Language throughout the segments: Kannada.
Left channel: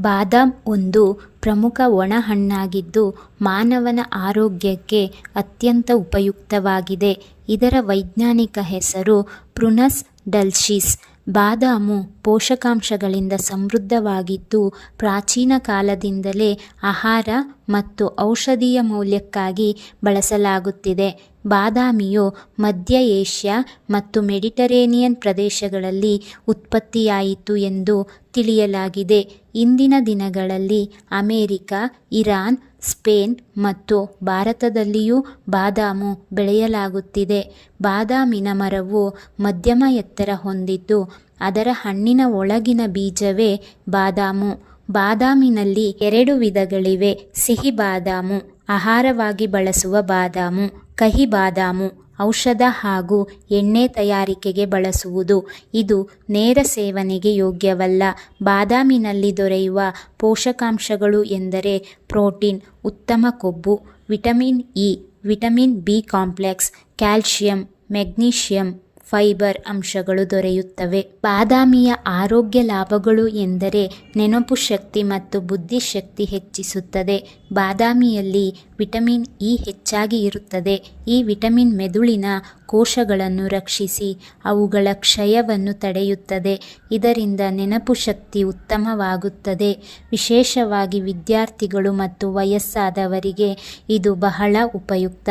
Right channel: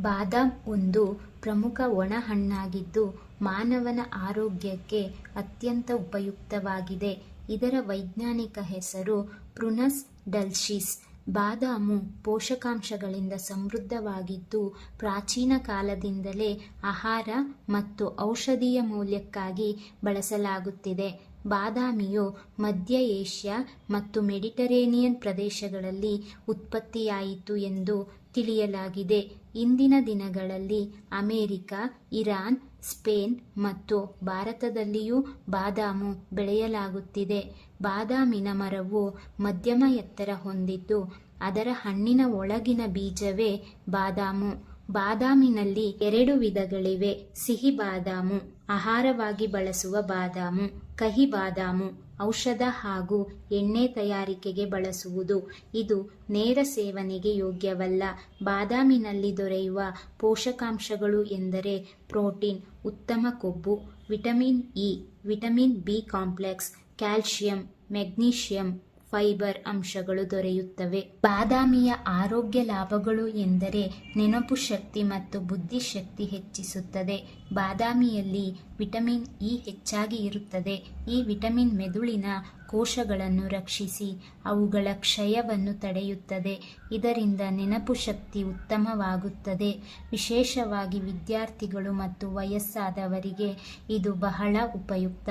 ಬಾದಾಮ್ ಒಂದು ಪ್ರಮುಖ ಒಣಹಣ್ಣಾಗಿದ್ದು ಮಾನವನ ಆರೋಗ್ಯಕ್ಕೆ ಅತ್ಯಂತ ಉಪಯುಕ್ತವಾಗಿದೆ. ಇದರ ವೈಜ್ಞಾನಿಕ ಹೆಸರು ಪ್ರುನಸ್ ಡಲ್ಶಿಸ್. ಬಾದಾಮು ಪೋಷಕಾಂಶಗಳಿಂದ ಸಮೃದ್ಧವಾಗಿದ್ದು ಪ್ರಾಚೀನ ಕಾಲದಿಂದಲೇ ಆಹಾರ ಮತ್ತು ಔಷಧೀಯ ಮೌಲ್ಯಕ್ಕಾಗಿ ಬಳಸಲಾಗುತ್ತಿದೆ. ಬಾದಾಮಿಯು ಮಧ್ಯ ಏಷ್ಯಾ ಮತ್ತು ಮೆಡಿಟರೇನಿಯನ್ ಪ್ರದೇಶಗಳಲ್ಲಿ ಉತ್ಪತ್ತಿಯಾಯಿತು ಎಂದು ತಿಳಿಯಲಾಗಿದೆ. ಇಂದಿನ ದಿನಗಳಲ್ಲಿ ಅಮೆರಿಕ, ಇರಾನ್, ಸ್ಪೇನ್ ಮತ್ತು ಭಾರತದಲ್ಲಿಯೂ ಬಾದಾಮು ಬೆಳೆಯಲಾಗುತ್ತಿದೆ. ಬಾದಾಮಿನ ಮರವು ಮಧ್ಯಮ ಎತ್ತರ ಹೊಂದಿದ್ದು, ಅದರ ಹಣ್ಣಿನ ಒಳಗಿನ ಬೀಜವೇ ಬಾದಾಮು. ಬಾದಾಮಿನಲ್ಲಿ ಎರಡು ವಿಧಗಳಿವೆ, ಸಿಹಿ ಬಾದಾಮು, ಆಹಾರವಾಗಿ ಬಳಸುವ ಬಾದಾಮು. ಕಹಿ ಬಾದಾಮು, ಔಷಧ ಹಾಗೂ ಎಣ್ಣೆ ತಯಾರಿಕೆಗೆ ಬಳಸುವುದು. ಇದು ನೇರ ಸೇವನೆಗೆ ಯೋಗ್ಯವಲ್ಲ. ಬಾದಾಮಿನಲ್ಲಿ ದೊರೆಯುವ ಪೋಷಕಾಂಶಗಳು ಎಂದರೆ ಪ್ರೋಟೀನ್, ಉತ್ತಮ ಕೊಬ್ಬು, vitamin E, vitamin B complex, calcium, magnesium fibre ಅಂಶಗಳು ದೊರೆಯುತ್ತವೆ. ಬಾದಾಮಿಯ ಆರೋಗ್ಯ ಲಾಭಗಳು ಎಂದರೆ ನೆನಪು ಶಕ್ತಿ ಮತ್ತು ಬುದ್ಧಿಶಕ್ತಿ ಹೆಚ್ಚಿಸುತ್ತದೆ. ಬಾದಾಮಿಯಲ್ಲಿ ವಿಟಮಿನ್ ಇ ಹೆಚ್ಚಾಗಿ ಇರುತ್ತದೆ. ಈ ವಿಟಮಿನ್ ಮೆದುಳಿನ ಕೋಶಗಳನ್ನು ರಕ್ಷಿಸಿ ಅವುಗಳ ಕ್ಷಯವನ್ನು ತಡೆಯುತ್ತದೆ. ಇದರಿಂದ ನೆನಪು ಶಕ್ತಿ ಉತ್ತಮವಾಗುತ್ತದೆ. ವಿಶೇಷವಾಗಿ ವಿದ್ಯಾರ್ಥಿಗಳು ಮತ್ತು ವಯಸ್ಸಾದವರಿಗೆ ಇದು ಬಹಳ ಉಪಯುಕ್ತ.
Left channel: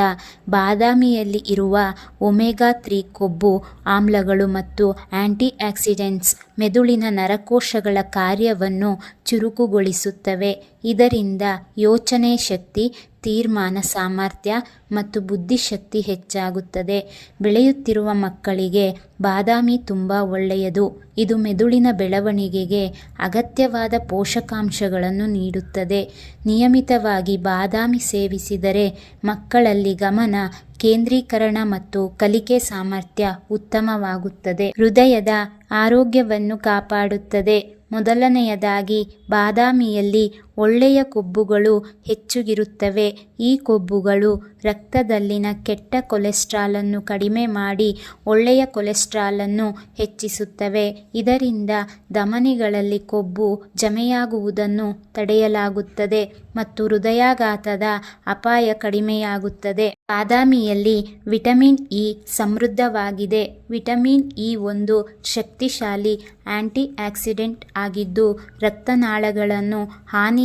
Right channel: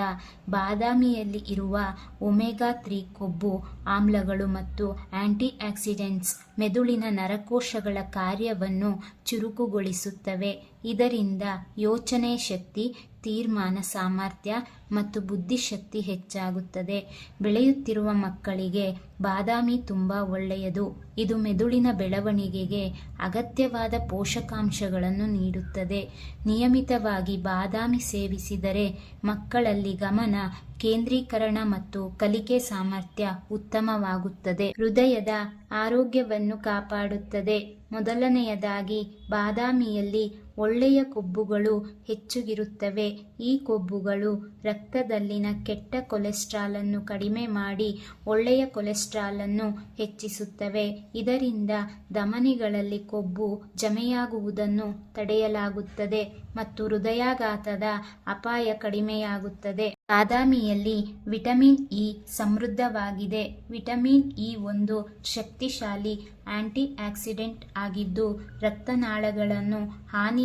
ಬಾದಾಮಿಯಲ್ಲಿ ಇರುವ ಒಮೆಗಾ ತ್ರೀ ಕೊಬ್ಬು ಆಮ್ಲಗಳು ಮತ್ತು ಆ್ಯಂಟಿ ಆಕ್ಸಿಡೆಂಟ್ಸ್ ಮೆದುಳಿನ ನರಕೋಶಗಳ ಕಾರ್ಯವನ್ನು ಚುರುಕುಗೊಳಿಸುತ್ತವೆ. ಇದರಿಂದ ಯೋಚನೆ ಶಕ್ತಿ ತೀರ್ಮಾನ, ಸಾಮರ್ಥ್ಯ ಮತ್ತು ಬುದ್ಧಿಶಕ್ತಿ ಹೆಚ್ಚಾಗುತ್ತದೆ. ಬೆಳೆಯುತ್ತಿರುವ ಮಕ್ಕಳಿಗೆ ಬಾದಾಮಿ ತುಂಬ ಒಳ್ಳೆಯದು. ಇದು ಮೆದುಳಿನ ಬೆಳವಣಿಗೆಗೆ ಅಗತ್ಯವಾದ ಪೋಷಕಾಂಶಗಳನ್ನು ನೀಡುತ್ತದೆ. ನಿಯಮಿತವಾಗಿ ಬಾದಾಮಿ ಸೇವಿಸಿದರೆ ಮಕ್ಕಳಲ್ಲಿ ಗಮನ, ಕೇಂದ್ರೀಕರಣ ಮತ್ತು ಕಲಿಕೆ ಸಾಮರ್ಥ್ಯ ಉತ್ತಮವಾಗುತ್ತದೆ. ಹೃದಯದ ಆರೋಗ್ಯವನ್ನು ಕಾಪಾಡುತ್ತದೆ. ಮೊದಲನೆಯದಾಗಿ, ಬಾದಾಮಿಯಲ್ಲಿ ಒಳ್ಳೆಯ ಕೊಬ್ಬುಗಳು ಹೆಚ್ಚುಗಿರುತ್ತವೆ. ಈ ಕೊಬ್ಬುಗಳು ರಕ್ತದಲ್ಲಿನ ಕೆಟ್ಟ ಕೊಲೆಸ್ಟ್ರಾಲನ್ನು ಕಡಿಮೆ ಮಾಡಿ ಒಳ್ಳೆಯ ಕೊಲೆಸ್ಟ್ರಾಲನ್ನು ಹೆಚ್ಚಿಸುತ್ತವೆ. ಇದರಿಂದ ಧಮನಿಗಳಲ್ಲಿ ಕೊಬ್ಬು ಜಮೆಯಾಗುವುದನ್ನು ತಡೆಯಲಾಗುತ್ತದೆ ಮತ್ತು ಹೃದಯಾಘಾತದ ಅಪಾಯ ಕಡಿಮೆಯಾಗುತ್ತದೆ. ಬಾದಾಮಿಯಲ್ಲಿ ವಿಟಮಿನ್ ಇ ಸಮೃದ್ಧವಾಗಿದೆ. ವಿಟಮಿನ್ ಇ ಒಂದು ಶಕ್ತಿಶಾಲಿ ಆಂಟಿ ಆಕ್ಸಿಡೆಂಟ್ ಆಗಿದ್ದು ರಕ್ತನಾಳಗಳನ್ನು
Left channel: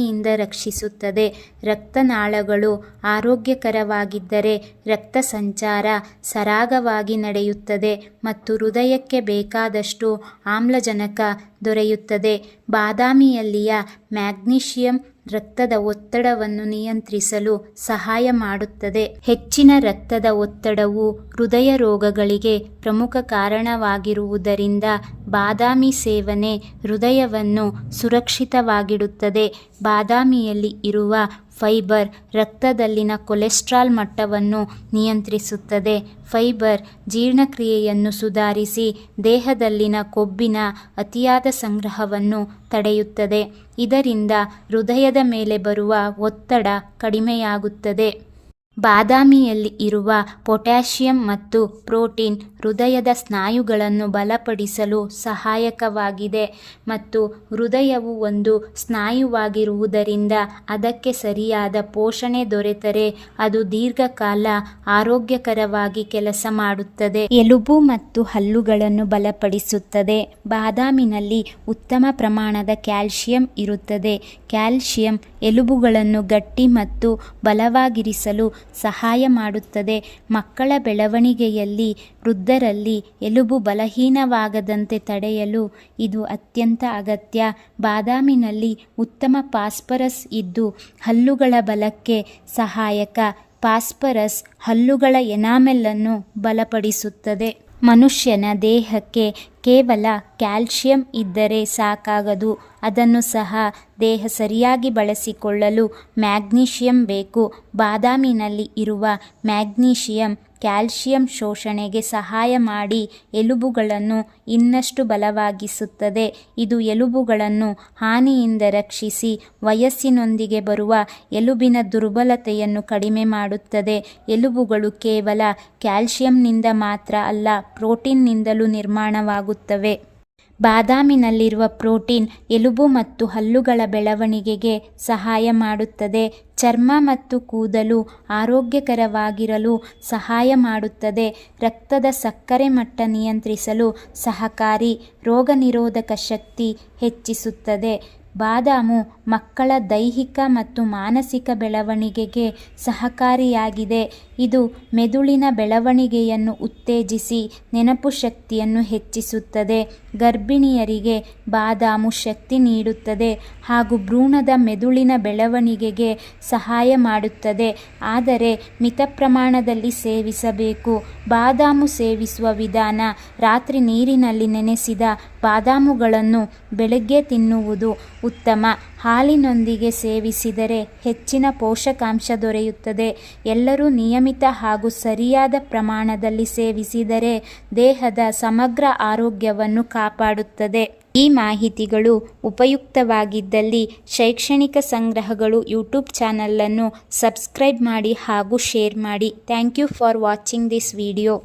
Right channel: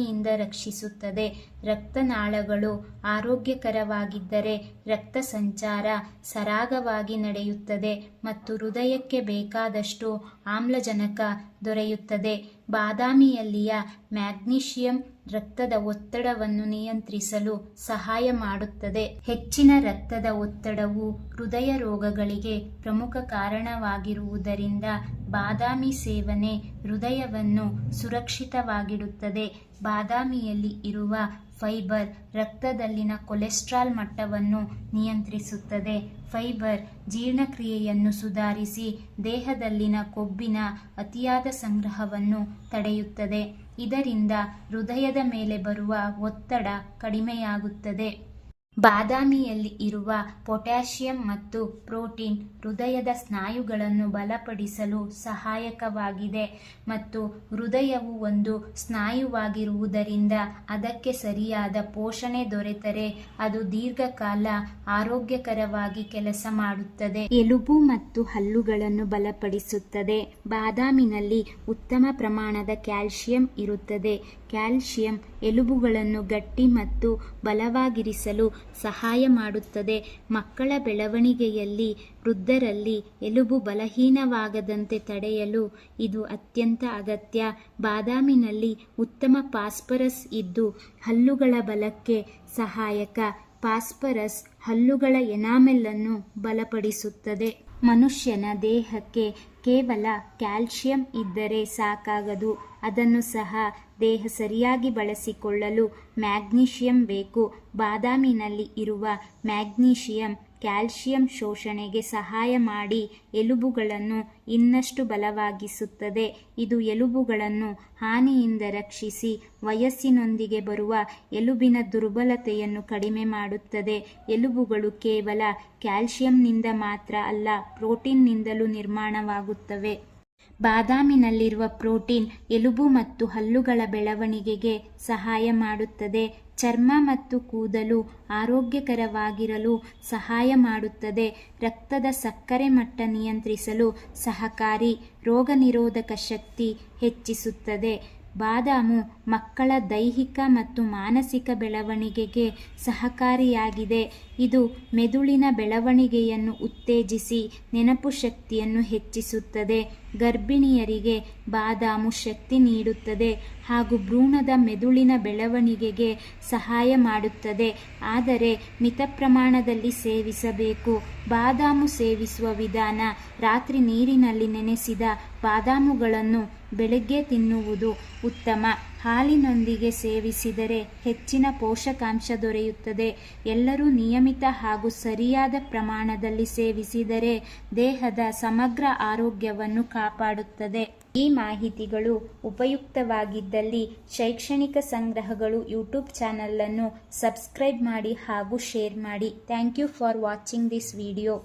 ಹಾನಿಯಿಂದ ರಕ್ಷಿಸುತ್ತದೆ. ರಕ್ತನಾಳಗಳು ಆರೋಗ್ಯಕರವಾಗಿದ್ದರೆ ರಕ್ತ ಸಂಚಾರ ಸರಾಗವಾಗಿ ನಡೆಯುತ್ತದೆ ಮತ್ತು ಹೃದಯಕ್ಕೆ ಬೇಕಾದಷ್ಟು ಆಮ್ಲಜನಕ ದೊರೆಯುತ್ತದೆ. ಬಾದಾಮಿಯಲ್ಲಿಯ ಮ್ಯಾಗ್ನೀಷಿಯಂ ರಕ್ತದ ಒತ್ತಡವನ್ನು ನಿಯಂತ್ರಿಸಲು ಸಹಾಯ ಮಾಡುತ್ತದೆ. ಹೆಚ್ಚಿನ ರಕ್ತದ ಒತ್ತಡವು ಹೃದಯ ರೋಗಗಳಿಗೆ ಪ್ರಮುಖ ಕಾರಣವಾಗಿರುವುದರಿಂದ ಬಾದಾಮಿ ಸೇವನೆ ಹೃದಯವನ್ನು ಸುರಕ್ಷಿತವಾಗಿಡುತ್ತದೆ. ಬಾದಾಮಿಯಲ್ಲಿ ಇರುವ ಫೈಬರ್ ರಕ್ತದಲ್ಲಿನ ಕೊಲೆಸ್ಟ್ರಾಲ್ ಮಟ್ಟವನ್ನು ನಿಯಂತ್ರಿಸುತ್ತದೆ. ಫೈಬರ್ ಜೀರ್ಣಕ್ರಿಯೆಯನ್ನು ಸುಧಾರಿಸಿ ದೇಹದಲ್ಲಿನ ಕೊಬ್ಬಿನ ಅತಿಯಾದ ಸಂಗ್ರಹವನ್ನು ತಡೆಯುತ್ತದೆ. ಇದರಿಂದ ಹೃದಯದ ಮೇಲೆ ಬರುವ ಒತ್ತಡ ಕಡಿಮೆಯಾಗುತ್ತದೆ. ಬಾದಾಮಿಯಲ್ಲಿ ಇರುವ ಪೊಟ್ಯಾಷಿಯಂ ಮತ್ತು ಪ್ರೋಟೀನ್ ಹೃದಯದ ಸ್ನಾಯುಗಳನ್ನು ಬಲಪಡಿಸಲು ಸಹಾಯಕವಾಗಿದೆ ಮತ್ತು ಹೃದಯವು ಒಂದು ಸ್ನಾಯುವಾಗಿರುವುದರಿಂದ ಅದಕ್ಕೆ ಸರಿಯಾದ ಪೋಷಣೆ ದೊರೆತರೆ, ಅದು ದೀರ್ಘಕಾಲ ಆರೋಗ್ಯಕರವಾಗಿ ಕೆಲಸ ಮಾಡುತ್ತದೆ. ಎಲುಬು ಮತ್ತು ಹಲ್ಲುಗಳನ್ನು ಬಲಪಡಿಸುತ್ತದೆ. ಬಾದಾಮಿನಲ್ಲಿ ಉತ್ತಮ ಪ್ರಮಾಣದ ಕ್ಯಾಲ್ಶಿಯಂ ಇರುತ್ತದೆ. ಕ್ಯಾಲ್ಶಿಯಂ ಎಲುಬುಗಳನ್ನು ಗಟ್ಟಿ ಮತ್ತು ಬಲವಾಗಿರಿಸಲು ಸಹಾಯ ಮಾಡುತ್ತದೆ. ಮಕ್ಕಳ ಬೆಳವಣಿಗೆಯಲ್ಲಿ, ವೃದ್ಧರಲ್ಲಿ ಎಲುಬು ಬಲಹೀನವಾಗದಂತೆ ತಡೆಯಲು ಇದು ಅತ್ಯಂತ ಅಗತ್ಯ. ಬಾದಾಮಿನಲ್ಲಿ ಉತ್ತಮ ಪಾಸ್ಪರಸ್ ಇದ್ದು, ಹಲ್ಲುಗಳ ಬಲಕ್ಕೆ ಸಹಾಯಕ ಪಾಸ್ಪರಸ್ ಹಲ್ಲುಗಳ ಎನಾಮೆಲ್ಲನ್ನು ಬಲಪಡಿಸುತ್ತದೆ. ಮನುಷ್ಯನ ದೇಹಕ್ಕೆ ಕೇವಲ ಕ್ಯಾಲ್ಶಿಯಂ ಇದ್ದರೆ ಸಾಕಾಗದು. ಅದನ್ನು ಸಹ ದೇಹ ಸರಿಯಾಗಿ ಬಳಸಿಕೊಳ್ಳಲು ಮ್ಯಾಗ್ನೀಷಿಯಂ ಬೇಕು. ಬಾದಾಮಿನಲ್ಲಿ ಇರುವ ಮ್ಯಾಗ್ನೀಷಿಯಂ ಕ್ಯಾಲ್ಶಿಯಂ ಶೋಷಣೆಗೆ ಸಹಾಯ ಮಾಡಿ ಎಲುಬುಗಳನ್ನು ಇನ್ನಷ್ಟು ಬಲವಾಗಿಸುತ್ತದೆ. ಇದು ಎಲುಬುಗಳನ್ನು ಹಾನಿಯಿಂದ ರಕ್ಷಿಸಿ ವಯಸ್ಸಿನೊಂದಿಗೆ ಬರುವ ಎಲುಬಿನ ದುರ್ಬಲತೆಯನ್ನು ಕಡಿಮೆ ಮಾಡುತ್ತದೆ. ಎಲುಬುಗಳು ಕೇವಲ ಕ್ಯಾಲ್ಶಿಯಂನಿಂದ ಮಾತ್ರ ಅಲ್ಲ, ಪ್ರೋಟೀನ್ನಿಂದಲೂ ನಿರ್ಮಾಣವಾಗುತ್ತವೆ ಬಾದಾಮಿನಲ್ಲಿರುವ ಪ್ರೋಟೀನ್ ಎಲುಬು ಮತ್ತು ಹಲ್ಲುಗಳ ಬೆಳವಣಿಗೆಗೆ ಸಹಾಯ ಮಾಡುತ್ತದೆ. ಚರ್ಮ ಮತ್ತು ಕೂದಲು ಆರೋಗ್ಯಕರವಾಗಿರಲು ಸಹಾಯ ಮಾಡುತ್ತದೆ. ರಕ್ತದ ಸಕ್ಕರೆ ಮಟ್ಟ ನಿಯಂತ್ರಿಸಲು ಸಹಕಾರಿ ರೋಗನಿರೋಧಕ ಶಕ್ತಿ ಹೆಚ್ಚಿಸುತ್ತದೆ. ಬಾದಾಮು ಮಕ್ಕಳ ದೈಹಿಕ ಮತ್ತು ಮಾನಸಿಕ ಬೆಳವಣಿಗೆಗೆ ಸಹಕಾರಿಯಾಗಿದೆ. ಇದು ಮೆದುಳಿನ ಬೆಳವಣಿಗೆಯನ್ನು ಉತ್ತೇಜಿಸಿ ನೆನಪು ಶಕ್ತಿಯನ್ನು ಹೆಚ್ಚಿಸುತ್ತದೆ. ಗರ್ಭಿಣಿಯರಿಗೆ ಬಾದಾಮು ಶಕ್ತಿ ನೀಡುತ್ತದೆ ಹಾಗೂ ಭ್ರೂಣದ ಮೆದುಳಿನ ಬೆಳವಣಿಗೆಗೆ ಸಹಾಯ ಮಾಡುತ್ತದೆ. ಆದರೆ ಮಿತ ಪ್ರಮಾಣದಲ್ಲಿ ಸೇವಿಸಬೇಕು. ಬಾದಾಮು ಸೇವಿಸುವ ವಿಧಾನ ರಾತ್ರಿ ನೀರಿನಲ್ಲಿ ನೆನೆಸಿದ ಬಾದಾಮುಗಳನ್ನು ಬೆಳಗ್ಗೆ ತಿನ್ನುವುದು ಉತ್ತಮ. ಹಾಲಿನೊಂದಿಗೆ ಸೇವಿಸಿದರೆ ಹೆಚ್ಚಿನ ಪೋಷಕಾಂಶ ದೊರೆಯುತ್ತದೆ. ಎಲ್ಲರೂ ನಿಯಮಿತ ಹಾಗೂ ಸರಿಯಾದ ಪ್ರಮಾಣದಲ್ಲಿ ಸೇವಿಸಿದರೆ ದೇಹದ ಸಮಗ್ರ ಆರೋಗ್ಯವನ್ನು ಕಾಪಾಡುತ್ತದೆ. ಈ ಮಾಹಿತಿಗಳು ಉಪಯುಕ್ತವಾಗಿದ್ದಲ್ಲಿ ಶೈಕ್ಷಣಿಕ ಸಂಗ್ರಹಗಳು ಯೂಟ್ಯೂಬ್ ಚಾನಲನ್ನು ಸಬ್ಸ್ಕ್ರೈಬ್ ಮಾಡಿ ಹಾಗೂ ಶೇರ್ ಮಾಡಿ. Thank you for watching this video.